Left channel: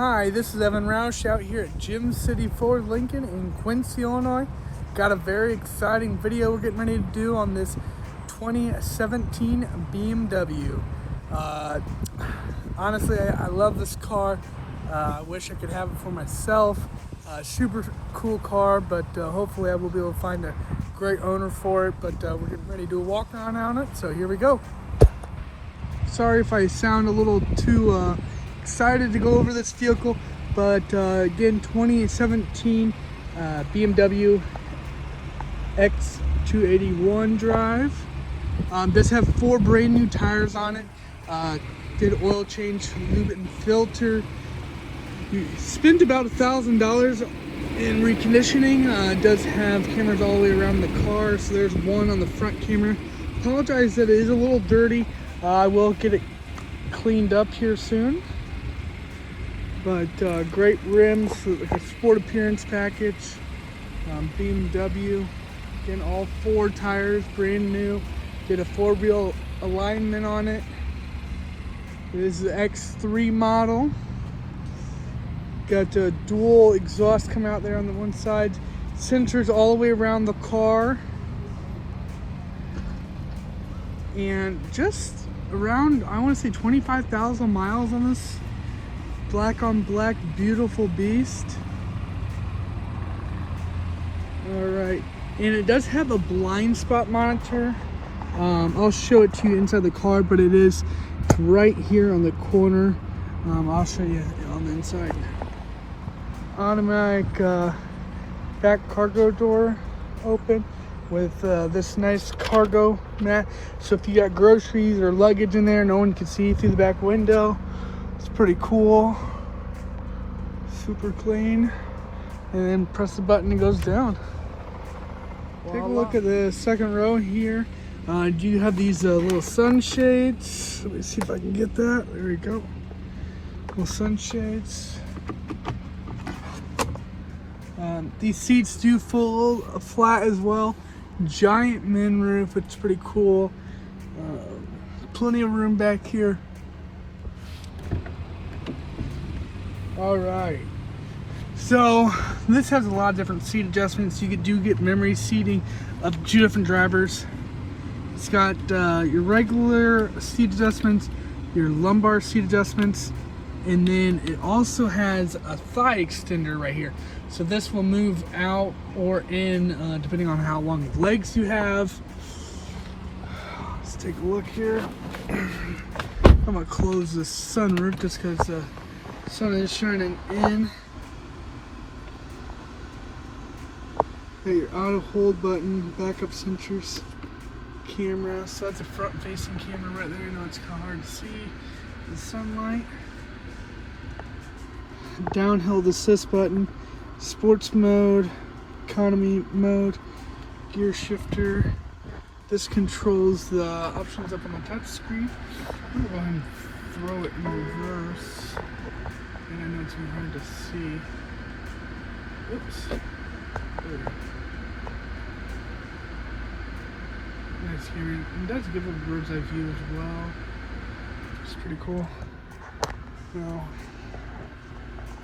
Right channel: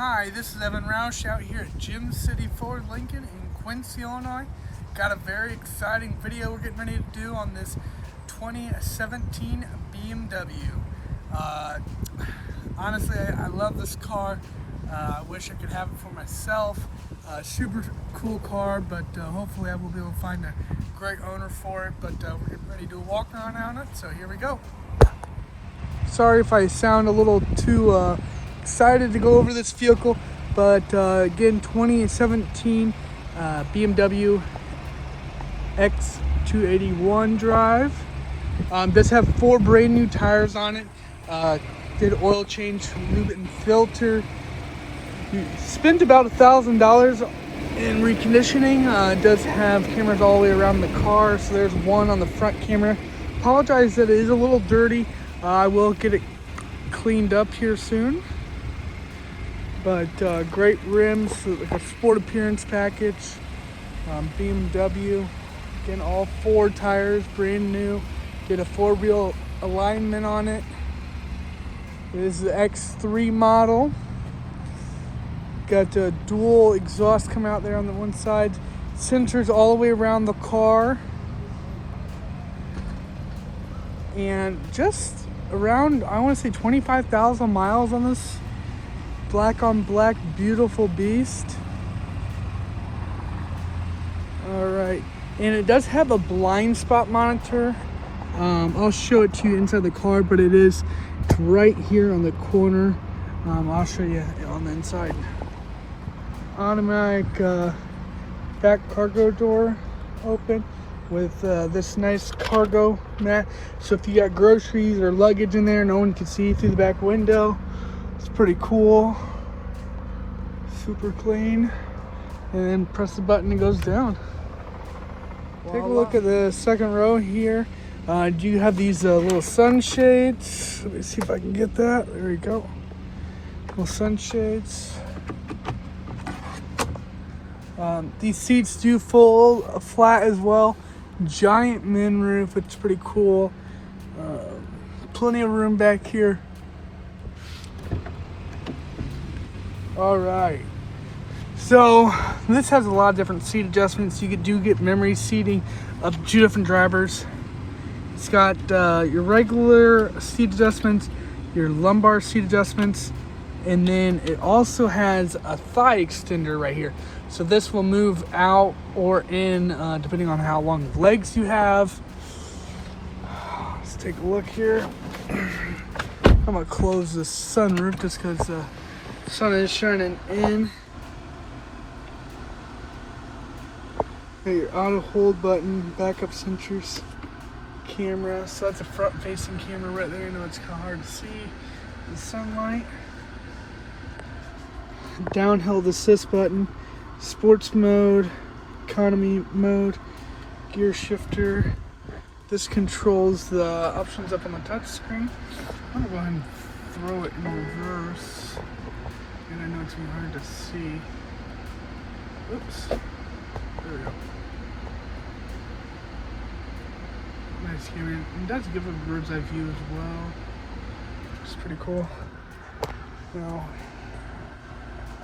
Hi, this is Evan Roush out here at Gym City Ford Lincoln in Quincy, Illinois. Got a very exciting video we're getting ready to do on this 2017 BMW. Honestly, I love this car. I wish I could have it for myself. Super cool car, but hopefully I will be able to find a great owner for it. But we're getting ready to do a walk around on it, so here we go. Sorry if I sound a little too excited to go over this vehicle, but again, 2017 BMW X3 drive. Does have 4 brand new tires on it. Did oil change, lube and filter. You spent about $1,000 in reconditioning. It does have cameras all the way around the car, so there's one on the front camera. Apologize that it is a little dirty. I will get it cleaned up here soon. But great rims, like a sport appearance package. BMW, again, all 4 tires, brand new. Get a 4-wheel alignment on it. This is the X3 model. Got a dual exhaust come out there on the one side. Sensors all the way around the car. And just around, I want to say 25,000 miles on this black on black beautiful beast. All right, and it does have a blind spot monitor. I'll show it to you inside the car, but it is right here on the corner. I'll show you on the inside. Automatic back cargo door open with this nice cargo mat. So if you got groceries or luggage in there, no one can see through the back window. It's pretty cool. Super clean. And press the button, it goes down. Take a look at the second row here. Do you have these little sunshades? Let me see if I can get that. There we go. Little sunshades. These seats do fold flat as well. Giant moonroof, it's pretty cool. Plenty of room back here. All right. So this has a lot of different seat adjustments. You do get memory seating up to 2 different drivers. It's got your regular seat adjustments, your lumbar seat adjustments, and then it also has a thigh extender right here. So this will move out or in depending on how long legs you have. Let's take a look here. I'm gonna close the sunroof just because the sun is shining in. Got your auto hold button, backup sensors, camera. So that's a front facing camera right there. I know it's kind of hard to see the sunlight. Downhill assist button, sports mode, economy mode, gear shifter. This controls the options up on the touch screen. I'm gonna go ahead and throw it in reverse. And I know it's really hard to see. Oops. There we go. Nice hearing. It does give it a bird's eye view as well. It's pretty cool. Now,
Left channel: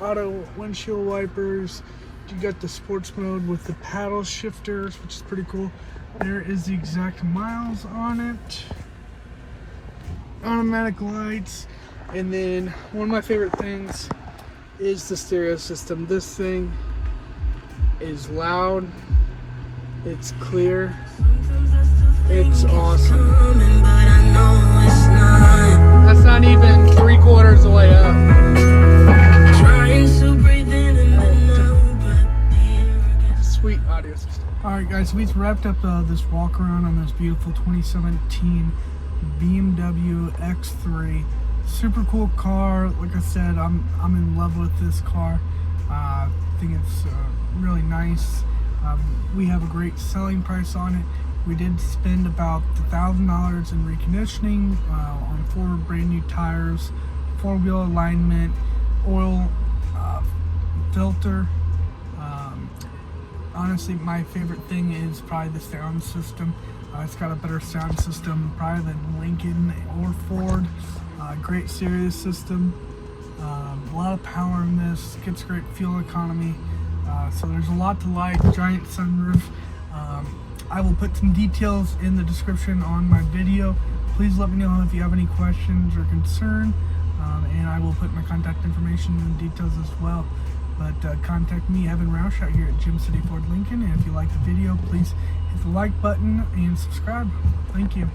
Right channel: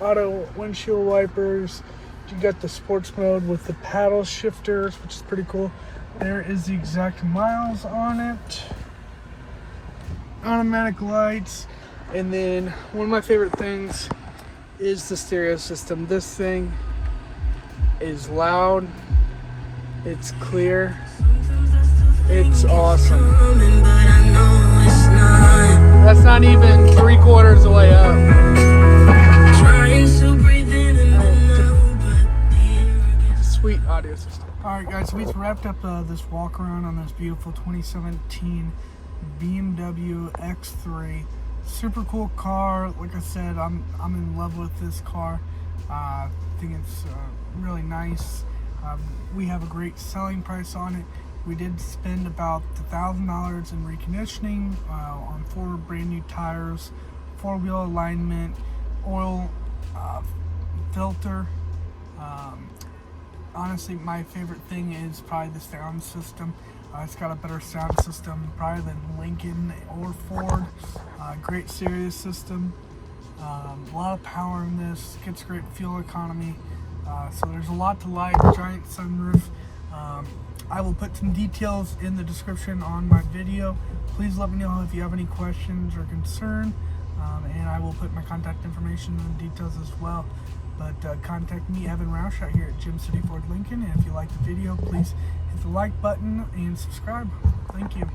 auto windshield wipers. You got the sports mode with the paddle shifters, which is pretty cool. There is the exact miles on it. Automatic lights. And then one of my favorite things is the stereo system. This thing is loud. It's clear. It's awesome. That's not even 3/4 of the way up. Sweet audio system. Alright guys, so we've wrapped up this walk around on this beautiful 2017 BMW X3. Super cool car. Like I said, I'm in love with this car. I think it's really nice. We have a great selling price on it. We did spend about $1,000 in reconditioning on 4 brand new tires, 4-wheel alignment, oil filter. Honestly, my favorite thing is probably the sound system. It's got a better sound system probably than Lincoln or Ford. Great Sirius system. A lot of power in this, gets great fuel economy, so there's a lot to like. Giant sunroof. I will put some details in the description on my video. Please let me know if you have any questions or concern, and I will put my contact information and details as well. But contact me, Evan Roush, out here at Gym City Ford Lincoln, and if you like the video, please hit the like button and subscribe. Thank you.